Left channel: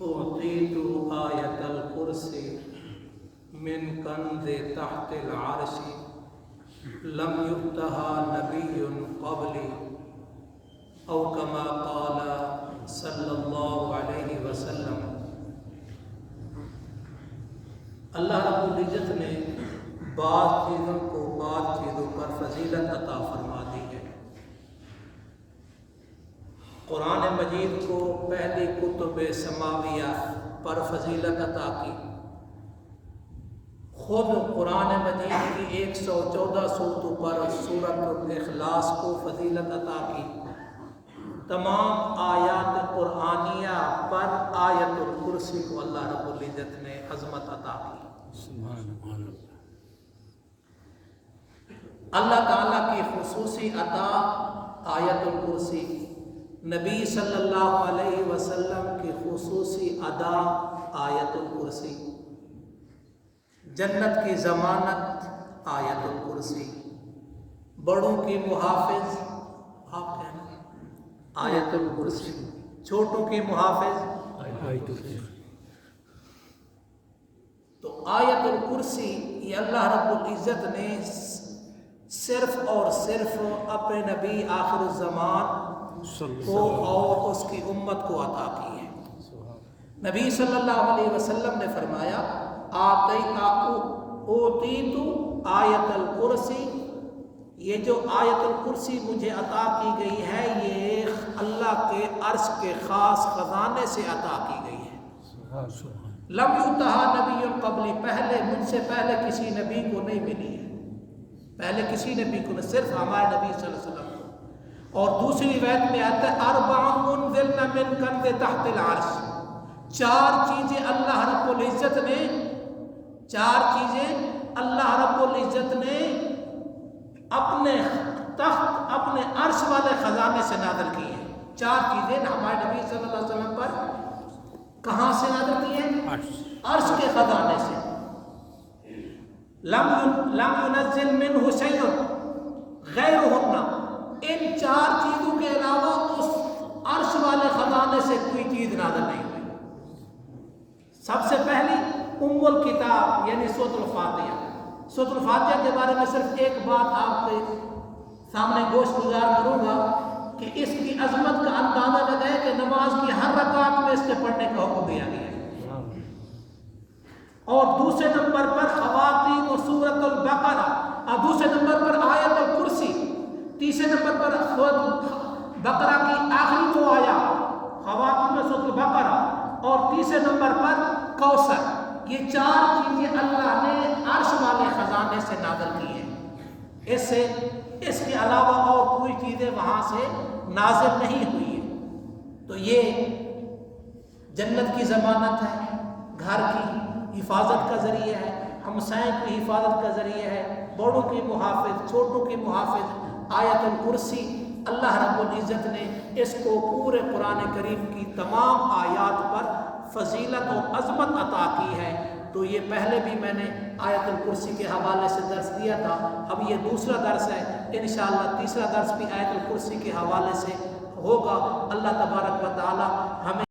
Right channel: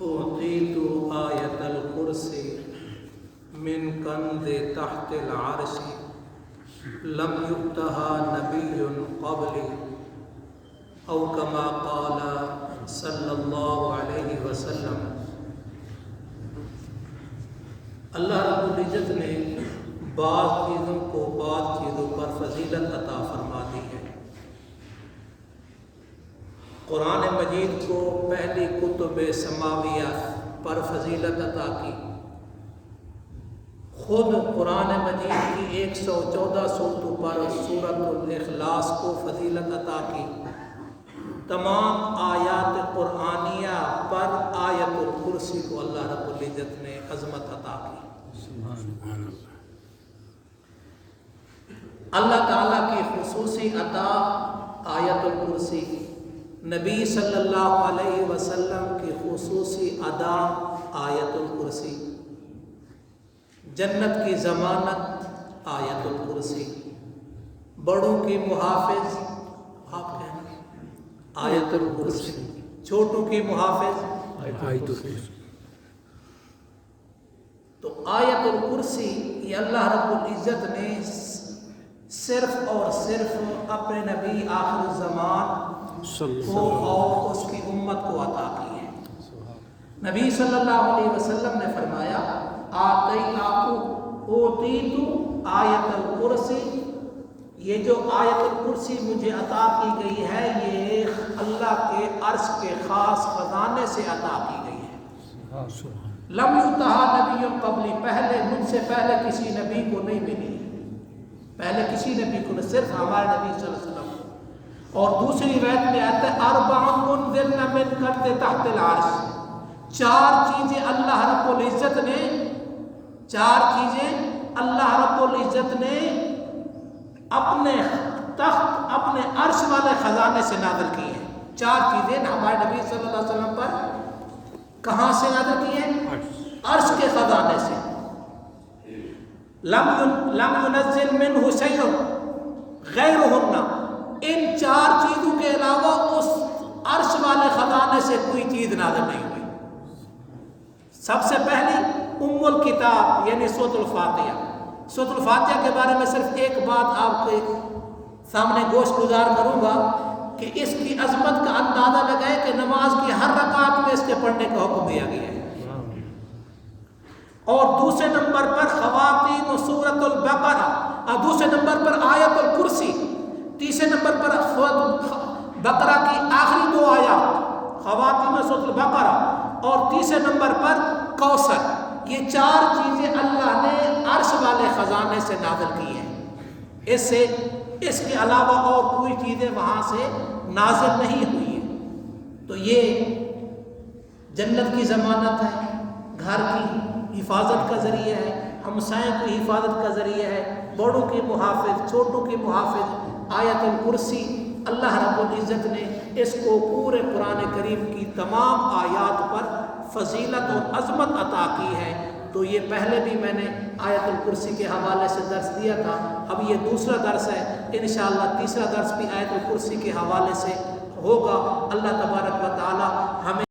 أوتيت آية الكرسي من كنز تحت العرش لم يؤتها نبي قبلي أو كما قال صلی اللہ علیہ وسلم۔ اللہ رب العزت نے بعض چیزوں کو بعض چیزوں پر فضیلت عطا فرما دی ہے۔ قرآن مجید کو پہلی کتب سماویہ پر فضیلت عطا کی، خود قرآن مجید کی 114 صورتوں پر سورۃ الاخلاص کو فضیلت عطا کی، تمام آیات قرآنیہ پر آیت الکرسی کو اللہ رب العزت نے عظمت عطا کی۔ اللہ تعالیٰ کی خصوصی عطا آیت الکرسی، نبی صلی اللہ علیہ وسلم کی خصوصی ادا آیت الکرسی، جنت کی ضمانت آیت الکرسی، بڑوں کی محافظ آپ کہنا آیت الکرسی، چھوٹوں کی محافظ آیت الکرسی۔ تو آیت الکرسی یہ اللہ رب العزت نے صرف اور صرف اپنے نبی آخر الزمان کو اور اس کی امت کو عطا کی ہے۔ نبی صلی اللہ علیہ وسلم نے فرمایا اوتیت آیت الکرسی، یہ جو آیت الکرسی مجھے عطا کی گئی ہے یہ اللہ کے عرش کے خاص خزانے سے عطا کی گئی ہے۔ لم یؤتها نبی قبلی، پہلے مجھ سے پہلے کسی نبی کو نہیں ملی، پہلے کسی نبی کو نہ، صرف ہمارے نبی صلی اللہ علیہ وسلم کو۔ اور دوسری روایت میں آتا ہے اربع منزلن من کنز تحت العرش، چار چیزیں اللہ رب العزت نے، چار چیزیں اللہ رب العزت نے اپنے تخت، اپنے عرش والے خزانے سے نازل کی ہیں۔ چار چیزیں ہمارے نبی صلی اللہ علیہ وسلم پر کہاں سے نازل کی ہیں؟ عرش کے خزانے سے۔ لم ينزل منہ شیء غیرہن، ان چار چیزوں کے علاوہ اس عرش والے خزانے سے کوئی چیز نازل نہیں ہوئی۔ سب سے پہلی ام الکتاب یعنی سورۃ الفاتحہ۔ سورۃ الفاتحہ کے بارے میں صرف ایک بات آپ کے سامنے گوش گزار کروں گا کہ اس کی عظمت کا اندازہ لگائے کہ نماز کی ہر رکعت میں اس کے پڑھنے کا حکم دیا گیا ہے۔ اور دوسرے نمبر پر خواتین سورۃ البقرہ، اور دوسرے نمبر پر آیت الکرسی، تیسرے نمبر پر سورۃ بقرہ کی آخری دو آیات خواتین سورۃ البقرہ، اور تیسرے نمبر پر کوثر۔ یہ چار چیزیں اللہ نے عرش والے خزانے سے نازل کی ہیں، اس کے علاوہ اور کوئی چیزیں وہاں سے نازل نہیں ہوئی ہیں۔ تو یہ جنت کی ضمانت ہے، گھر کی حفاظت کا ذریعہ ہے، ہمسائیں کی حفاظت کا ذریعہ ہے، بڑوں کی محافظ، چھوٹوں کی محافظ۔ آیت الکرسی اللہ رب العزت نے اس کو پورے قرآن کریم کی تمام آیات پر فضیلت اور عظمت عطا کی ہے۔ تو یہ پہلے بھی میں نے آیت الکرسی کے حوالے سے درس دیا تھا، اب یہ دوسرا درس ہے، انشاءاللہ تیسرا درس بھی آیت الکرسی کے حوالے سے ہوگا۔ اللہ تبارک و تعالی ہمیں